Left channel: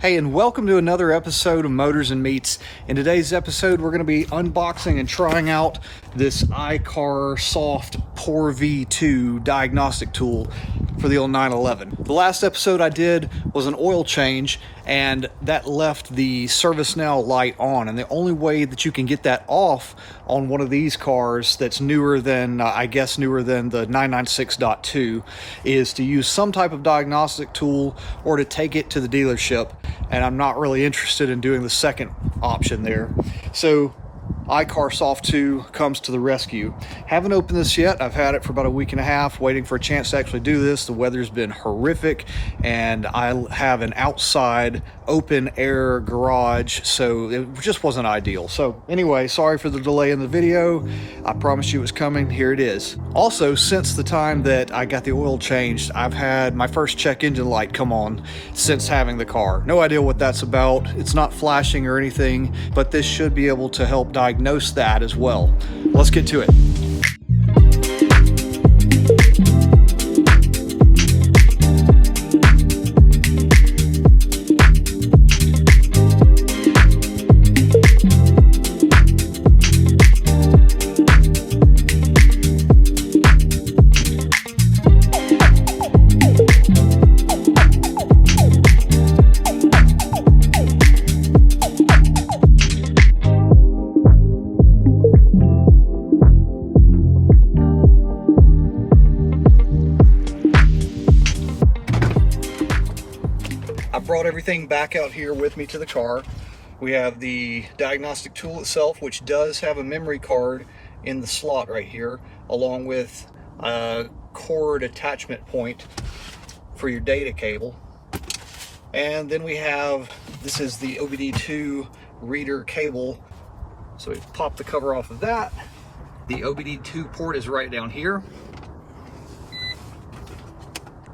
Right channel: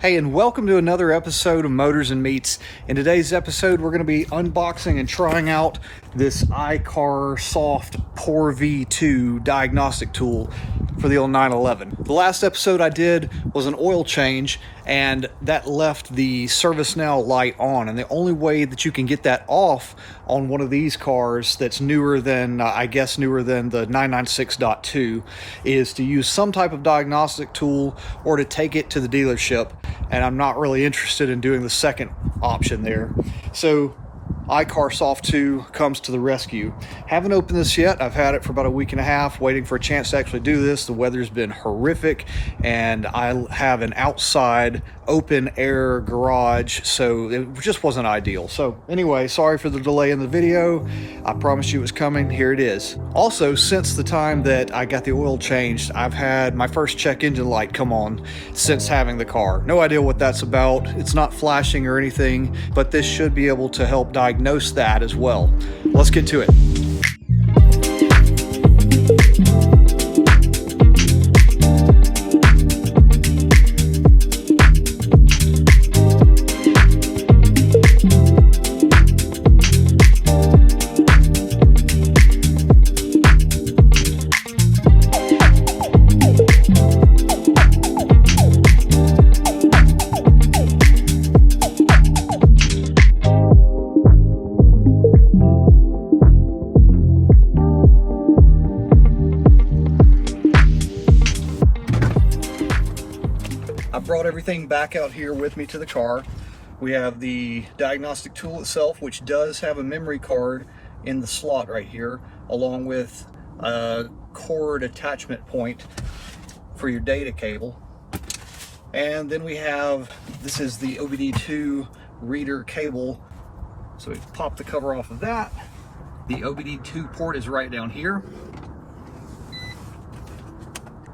Hey, and welcome to another episode of Motors and Meats. In today's episode, we're going to be unboxing and trying out this iCarSoft Porsche v2 diagnostic tool for the old 911. The last episode I did was an oil change, and that left the service now light on. And the only way that you can get that off on one of these cars that's newer than, I guess newer than the 996.2 is to use some type of diagnostic tool or to take it to the dealership. And I'm not really interested in doing the second option there. So iCarSoft 2 comes to the rescue. Haven't opened this yet. I've had it for about a week and a half, waiting for a chance to actually do this. The weather's been horrific, and I have an outside open air garage, so it just wasn't ideal. So anyway, sorry for the delay in the video. I promised you it was coming. Here it is. Also, since the time that I got the oil changed, I've had my first check engine light come on since having the car. No idea what that's about. It's not flashing or anything, but this should be able to help diagnose that as well. Let's get to it. I brought everything back out here with me to the car. We have the diagnostic tool itself, which does have a memory card in the slot right here, along with a cord attachment point for your data cable. And then we have, this is the OBD2 reader cable. So we pop the cover off of that. The OBD2 port is right down here.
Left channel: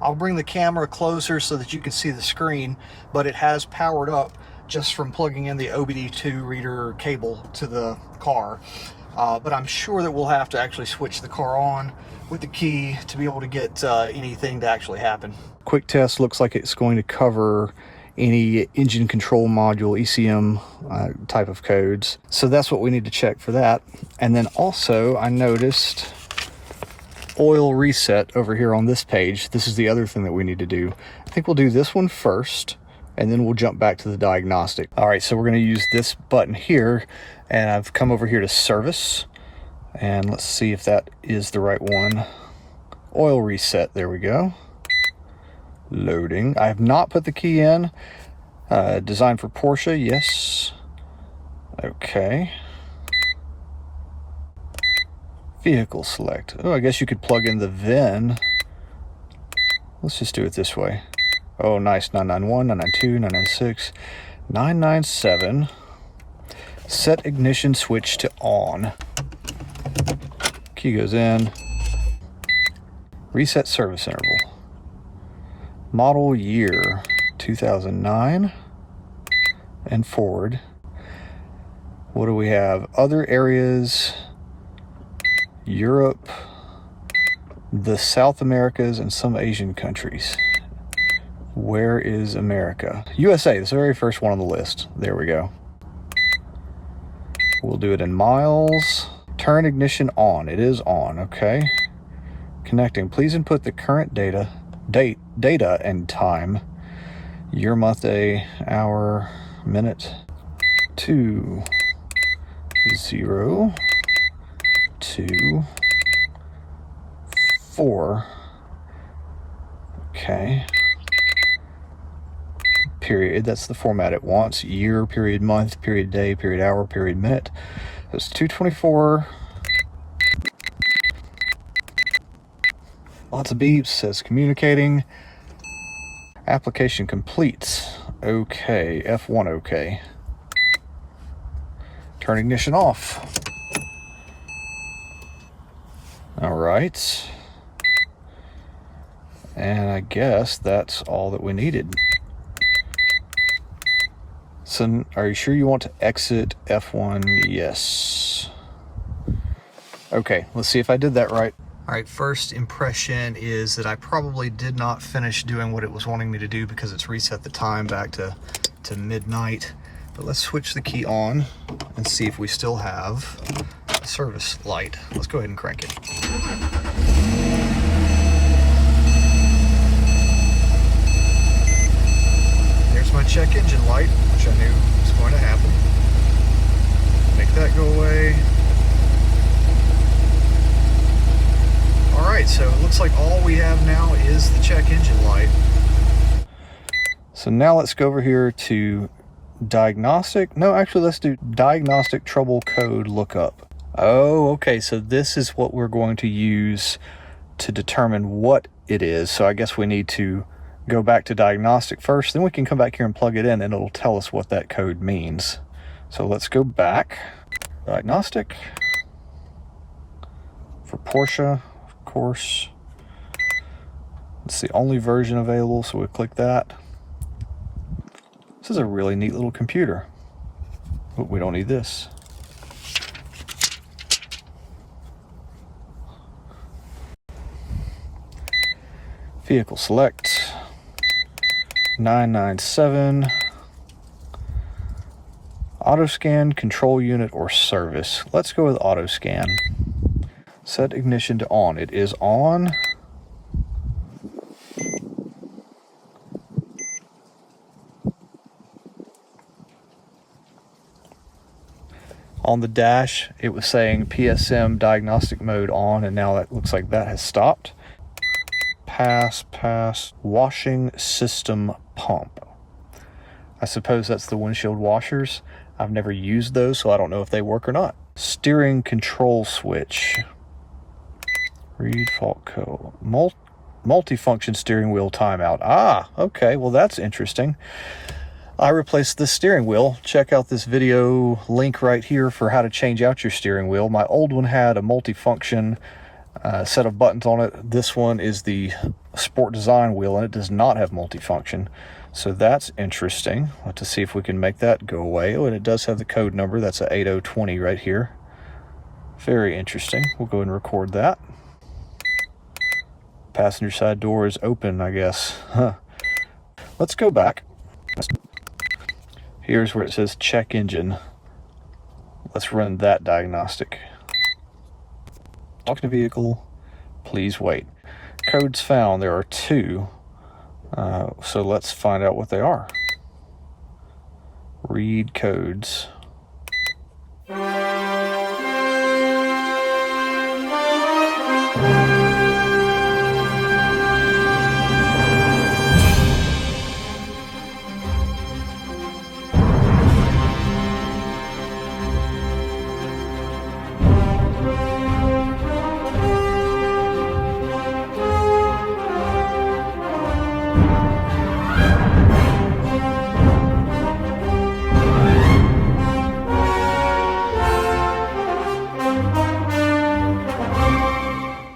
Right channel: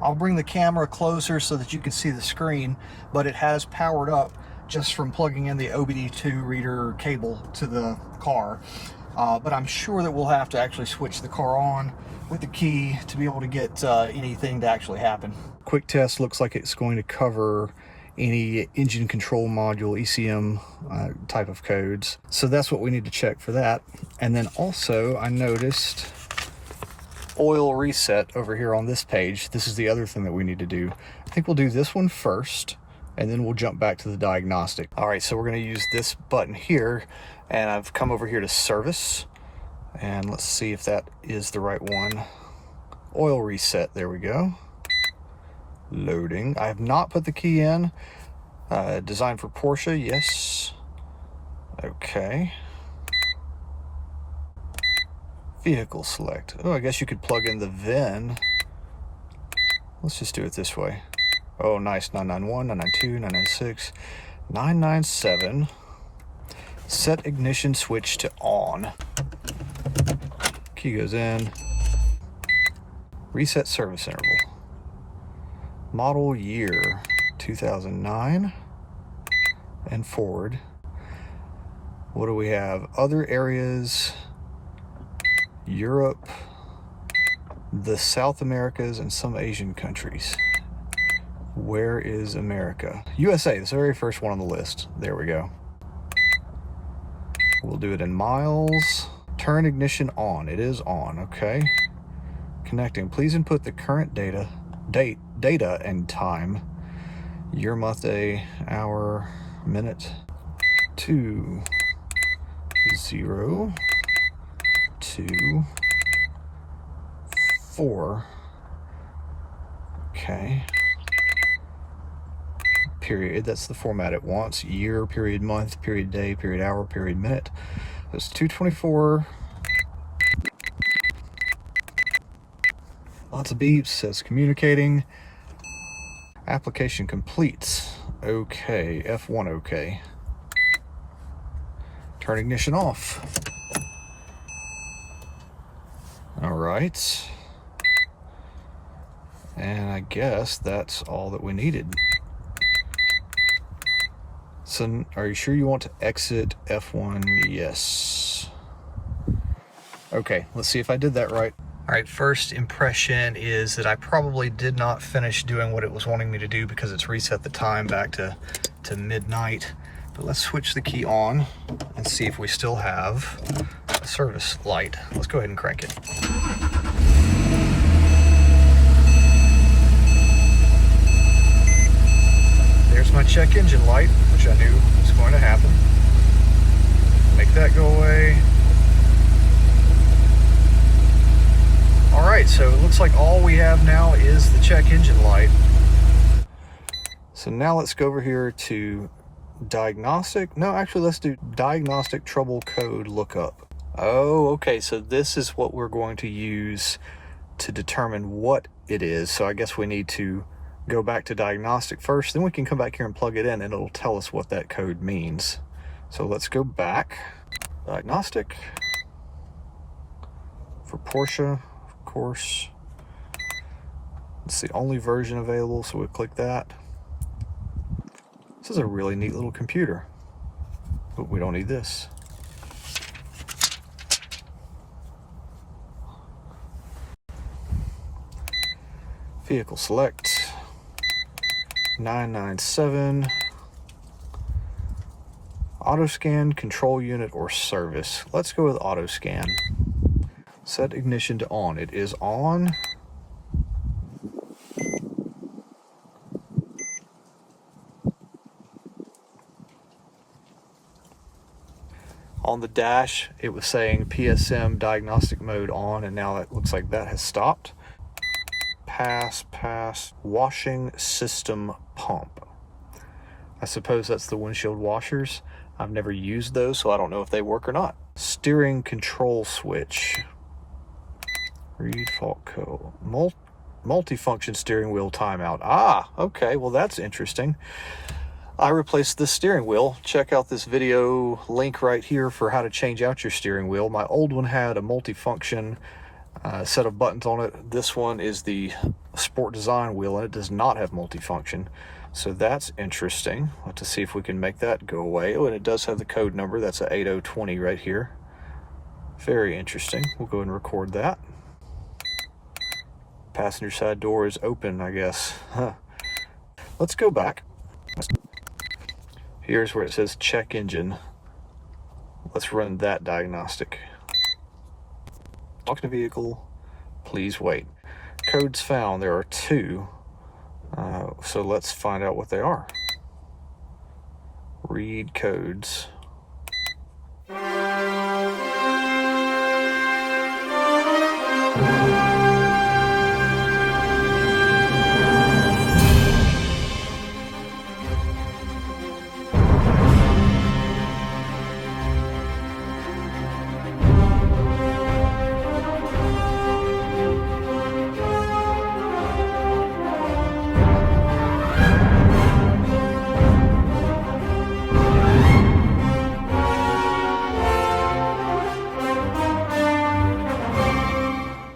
I'll bring the camera closer so that you can see the screen, but it has powered up just from plugging in the OBD2 reader cable to the car. But I'm sure that we'll have to actually switch the car on with the key to be able to get anything to actually happen. Quick test looks like it's going to cover any engine control module, ECM type of codes. So that's what we need to check for that. And then also I noticed oil reset over here on this page. This is the other thing that we need to do. I think we'll do this one first, and then we'll jump back to the diagnostic. All right, so we're going to use this button here, and I've come over here to service, and let's see if that is the right one. Oil reset, there we go. Loading. I have not put the key in. Designed for Porsche, yes. Okay. Vehicle select. Oh, I guess you could plug in the VIN. Let's just do it this way. Oh, nice. 991, 992, 996, 997. Set ignition switch to on. Key goes in. Reset service interval. Model year 2009 and forward. What do we have? Other areas. Europe, the South Americas, and some Asian countries. Where is America? USA, it's the very first one on the list. There we go. We'll do it in miles. Turn ignition on. It is on, okay. Connecting. Please input the current data and time. Year, month, day, hour, minute. 2, 0. 2, 4. Okay. Period. That's the format it wants. Year, period, month, period, day, period, hour, period, minute. That's 224. Lots of beeps. Says communicating. Application complete. Okay. F1 okay. Turn ignition off. All right, and I guess that's all that we needed. So, are you sure you want to exit F1? Yes. Okay, let's see if I did that right. All right, first impression is that I probably did not finish doing what it was wanting me to do because it's reset the time back to to midnight. But let's switch the key on and see if we still have a service light. Let's go ahead and crank it. There's my check engine light, which I knew was going to happen. Make that go away. All right, so it looks like all we have now is the check engine light. So now let's go over here to Diagnostic. No, actually, let's do Diagnostic Trouble Code Lookup. Oh, okay, so this is what we're going to use to determine what it is. So I guess we need to go back to Diagnostic first, then we can come back here and plug it in and it'll tell us what that code means. So let's go back. Diagnostic. For Porsche, of course. It's the only version available, so we'll click that. This is a really neat little computer, but we don't need this. Vehicle select, 997, auto scan, control unit, or service. Let's go with auto scan. Set ignition to on. It is on. On the dash, it was saying PSM diagnostic mode on, and now that looks like that has stopped. Pass, washing system pump. I suppose that's the windshield washers. I've never used those, so I don't know if they work or not. Steering control switch. Read fault code. Multifunction steering wheel timeout. Ah, okay, well that's interesting. I replaced the steering wheel. Check out this video link right here for how to change out your steering wheel. My old one had a multifunction set of buttons on it. This one is the Sport Design wheel and it does not have multifunction. So that's interesting. We'll have to see if we can make that go away. Oh, and it does have the code number. That's a 8020 right here. Very interesting. We'll go ahead and record that. Passenger side door is open, I guess. Huh. Let's go back. Here's where it says check engine. Let's run that diagnostic. Talk to vehicle, please wait. Codes found, there are 2. So let's find out what they are. Read codes.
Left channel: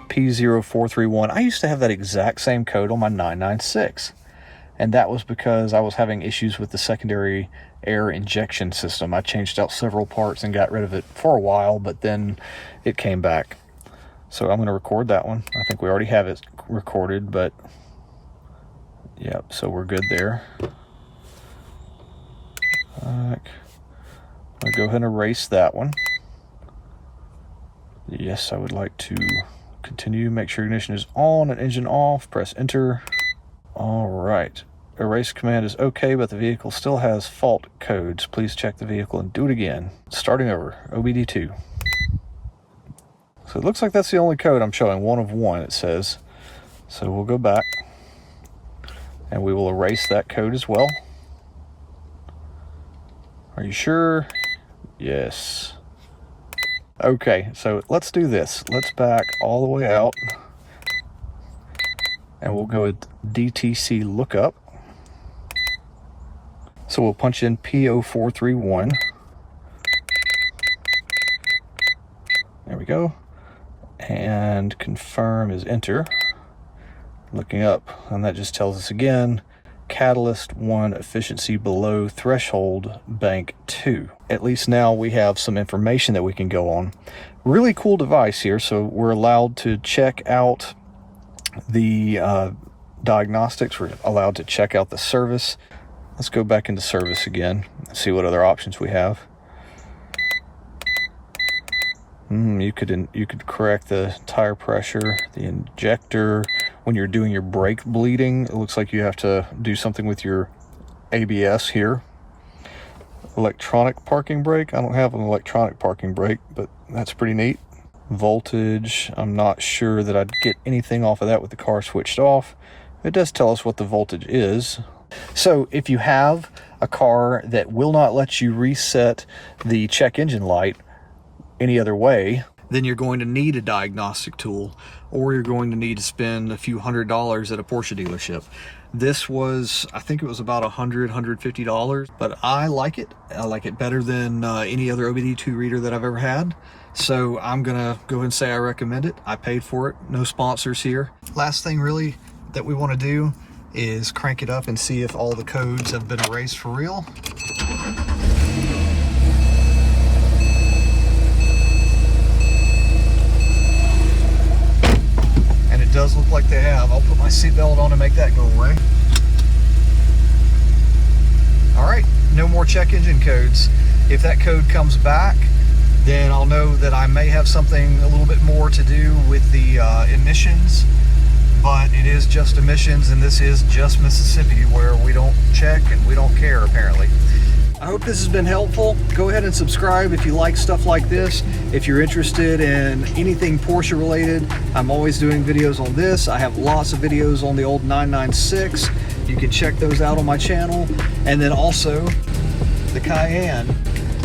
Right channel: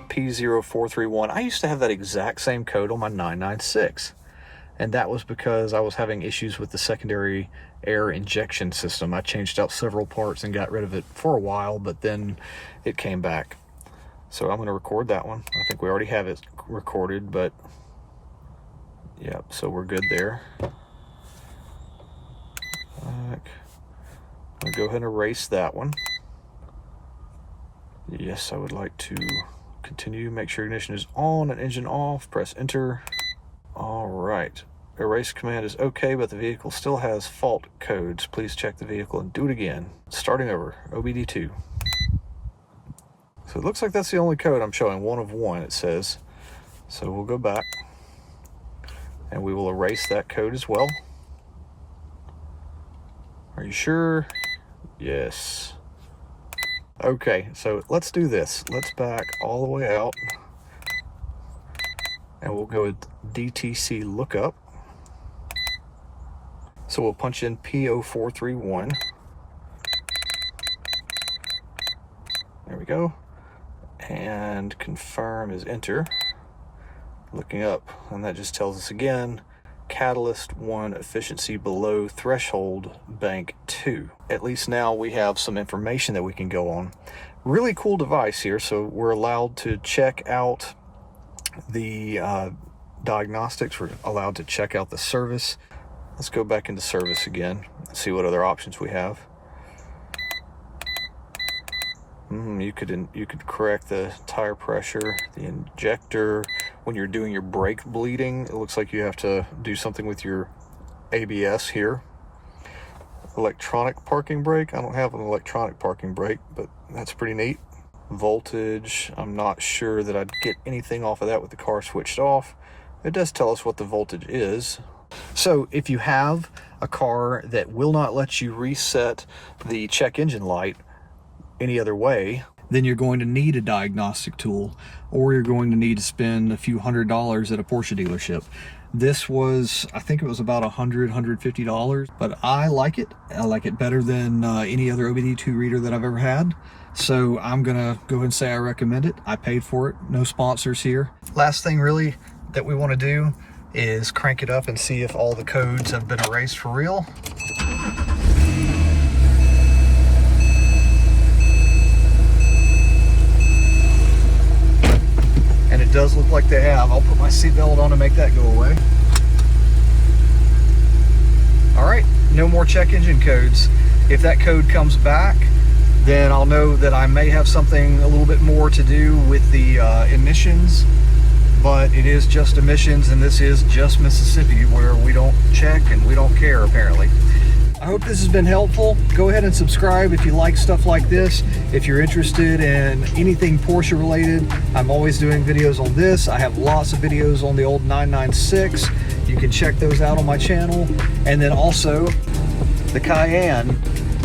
P0431. I used to have that exact same code on my 996, and that was because I was having issues with the secondary air injection system. I changed out several parts and got rid of it for a while, but then it came back. So I'm going to record that one. I think we already have it recorded, but yep, so we're good there. I'm going to go ahead and erase that one. Yes, I would like to continue. Make sure ignition is on and engine off. Press enter. All right. Erase command is okay, but the vehicle still has fault codes. Please check the vehicle and do it again. Starting over. OBD2. So it looks like that's the only code I'm showing. 1 of 1, it says. So we'll go back and we will erase that code as well. Are you sure? Yes. Okay, so let's do this. Let's back all the way out and we'll go with DTC lookup. So we'll punch in P0431. There we go. And confirm is enter. Looking up, and that just tells us again, Catalyst 1 efficiency below threshold, bank 2. At least now we have some information that we can go on. Really cool device here. So we're allowed to check out the diagnostics. We're allowed to check out the service. Let's go back into service again and see what other options we have. You could correct the tire pressure, the injector. When you're doing your brake bleeding, it looks like you have to do something with your ABS here. Electronic parking brake. I don't have an electronic parking brake, but that's pretty neat. Voltage, I'm not sure that I'd get anything off of that with the car switched off. It does tell us what the voltage is. So if you have a car that will not let you reset the check engine light any other way, then you're going to need a diagnostic tool, or you're going to need to spend a few $100s at a Porsche dealership. This was, I think it was about $150, but I like it. I like it better than any other OBD2 reader that I've ever had. So I'm gonna go ahead and say I recommend it. I paid for it, no sponsors here. Last thing really that we want to do is crank it up and see if all the codes have been erased for real. And it does look like they have. I'll put my seatbelt on and make that go away. All right, no more check engine codes. If that code comes back, then I'll know that I may have something a little bit more to do with the emissions, but it is just emissions, and this is just Mississippi, where we don't check and we don't care, apparently. I hope this has been helpful. Go ahead and subscribe if you like stuff like this. If you're interested in anything Porsche related, I'm always doing videos on this. I have lots of videos on the old 996. You can check those out on my channel. And then also the Cayenne.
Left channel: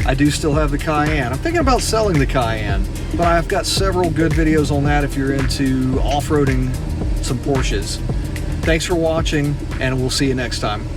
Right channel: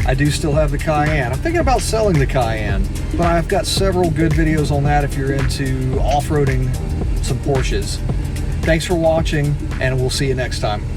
I do still have the Cayenne. I'm thinking about selling the Cayenne, but I've got several good videos on that if you're into off-roading some Porsches. Thanks for watching, and we'll see you next time.